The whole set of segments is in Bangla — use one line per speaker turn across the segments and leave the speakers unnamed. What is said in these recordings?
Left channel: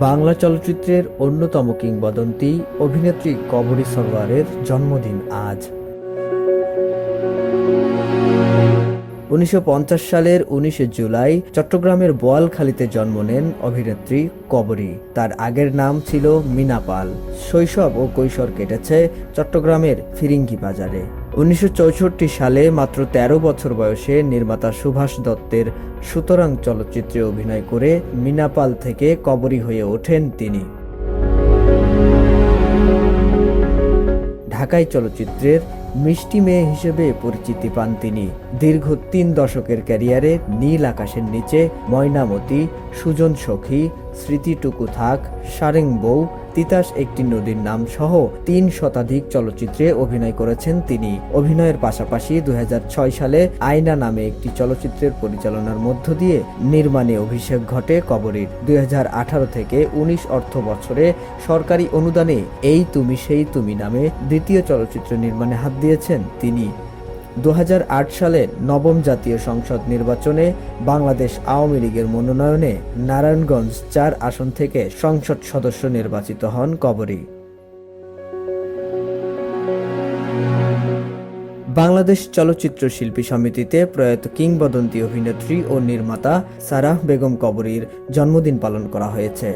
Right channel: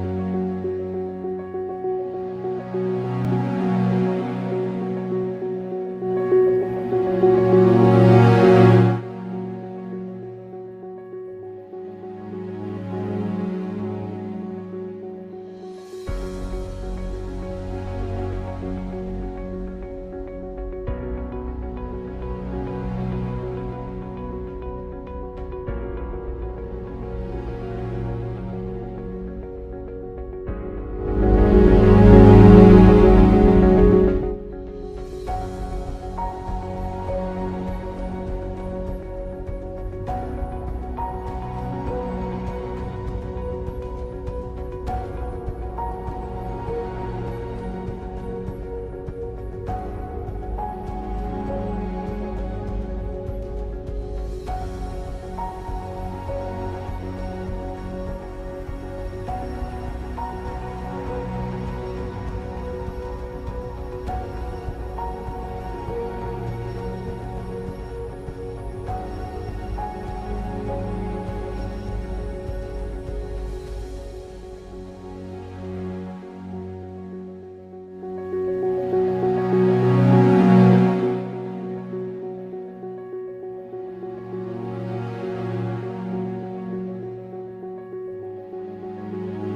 বাংলা চলচ্চিত্রের অন্যতম কিংবদন্তি অভিনেত্রী কবরী সরোয়ারের জন্মদিন আজ। উনিশশো পঞ্চাশ সালের উনিশে জুলাই চট্টগ্রামের বোয়ালখালীতে জন্ম নেন অভিনেত্রী কবরী। তার আগের নাম ছিল মিনা পাল। শৈশব ও কৈশোর কেটেছে চট্টগ্রামের ফিরিঙ্গি বাজারে। উনিশশো চৌষট্টি সালে মাত্র ১৩ বছর বয়সে নির্মাতা সুভাষ দত্তের সুতরাং চলচ্চিত্রে অভিনয় করে মিনা পাল থেকে কবরী হয়ে ওঠেন তিনি। ঢাকাই চলচ্চিত্রের মিষ্টি মেয়ে হিসেবে পরিচিতি পান তিনি। দীর্ঘ তিন দশকের ক্যারিয়ারে নীল আকাশের নিচে ময়নামতি, সুজন সখী স্মৃতিটুকু থাক, সারেং বউ, তিতাস একটি নদীর নাম সহ তিন শতাধিক চলচ্চিত্রে অভিনয় করেছেন তিনি। অভিনয়ের পাশাপাশি দুই হাজার ছয় সালে আয়না নামে একটি চলচ্চিত্রের পরিচালনার মধ্য দিয়ে নির্মাণে অভিষেক ঘটে কবরীর। দুই হাজার আঠারো থেকে উনিশ অর্থ বছরে সরকারি অনুদানে এই তুমি সেই তুমি নামে দ্বিতীয় চলচ্চিত্র নির্মাণে হাত দিয়েছেন তিনি। দুহাজার আট সালে নবম জাতীয় সংসদ নির্বাচনে বাংলাদেশ আওয়ামী লীগের মনোনয়নে নারায়ণগঞ্জ চার আসন থেকে সংসদ সদস্য নির্বাচিত হন কবরী। বাংলাদেশ চলচ্চিত্র শিল্পী সমিতিতে প্রয়াত কিংবদন্তি অভিনেত্রী ও নির্মাতা সারাহ বেগম কবরীর জন্মদিন পালন করা হয়েছে।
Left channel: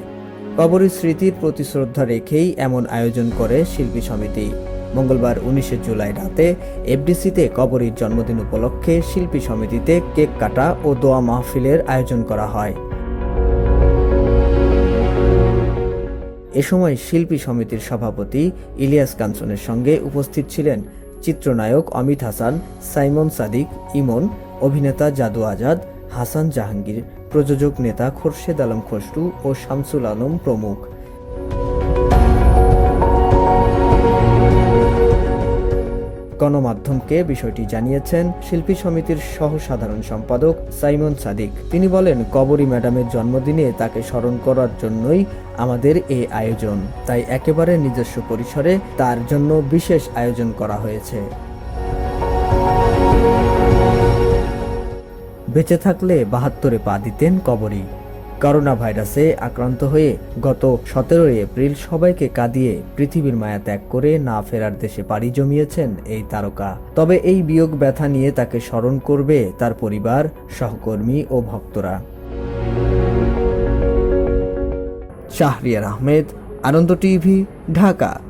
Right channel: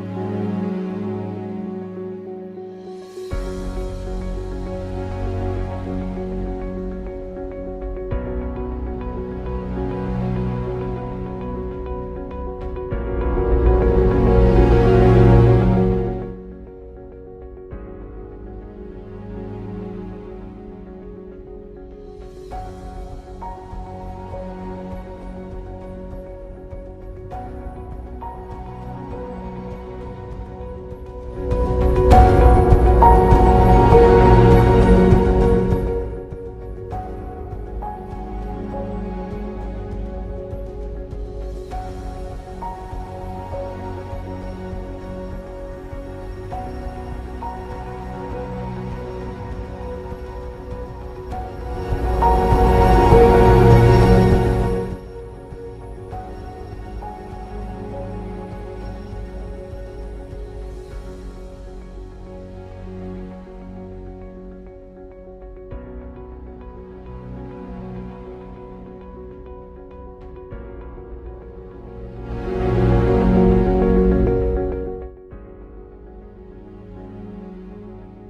কবরীর স্মৃতির প্রতি শ্রদ্ধা রেখেই এমন আয়োজন করে শিল্পী সমিতি। মঙ্গলবার উনিশে জুলাই রাতে এফডিসিতে কবরীর জন্মদিন উপলক্ষে শিল্পী সমিতিতে কেক কাটা ও দোয়া মাহফিলের আয়োজন করা হয়। এ সময় শিল্পী সমিতির সভাপতি ইলিয়াস কাঞ্চনের সঙ্গে উপস্থিত ছিলেন চিত্রনায়ক অমিত হাসান, সাইমন সাদিক, ইমন, অভিনেতা জাদু আজাদ, হাসান জাহাঙ্গীর, প্রযোজক নেতা খোরশেদ আলম খসরু ও শামসুল আলম প্রমুখ। গণমাধ্যমকে বিষয়টি জানিয়েছেন শিল্পী সমিতির সহ সাধারণ সম্পাদক সাইমন সাদিক। তিনি বলেন, কবরী ম্যাডামের জন্মদিনে তাকে স্মরণ করার জন্যই আমাদের এই আয়োজন। তাই একেবারে নিজস্ব পরিসরে তার জন্য বিশেষ আয়োজন করা হয়েছে। বেঁচে থাকলে বাহাত্তরে পা দিতেন কবরী। করোনা ভাইরাসে আক্রান্ত হয়ে গত সতেরোই এপ্রিল সবাইকে কাঁদিয়ে পৃথিবীর মায়া ত্যাগ করে না ফেরার দেশে পাড়ি জমিয়েছেন এই তারকা। তবে এই বিয়োগ ব্যথা নিয়ে তাকে স্মরণ করবে তার পরিবার, সহকর্মী ও ভক্তরা। শাহরিয়ার আহমেদ, আনন্দ টিভি, ঢাকা।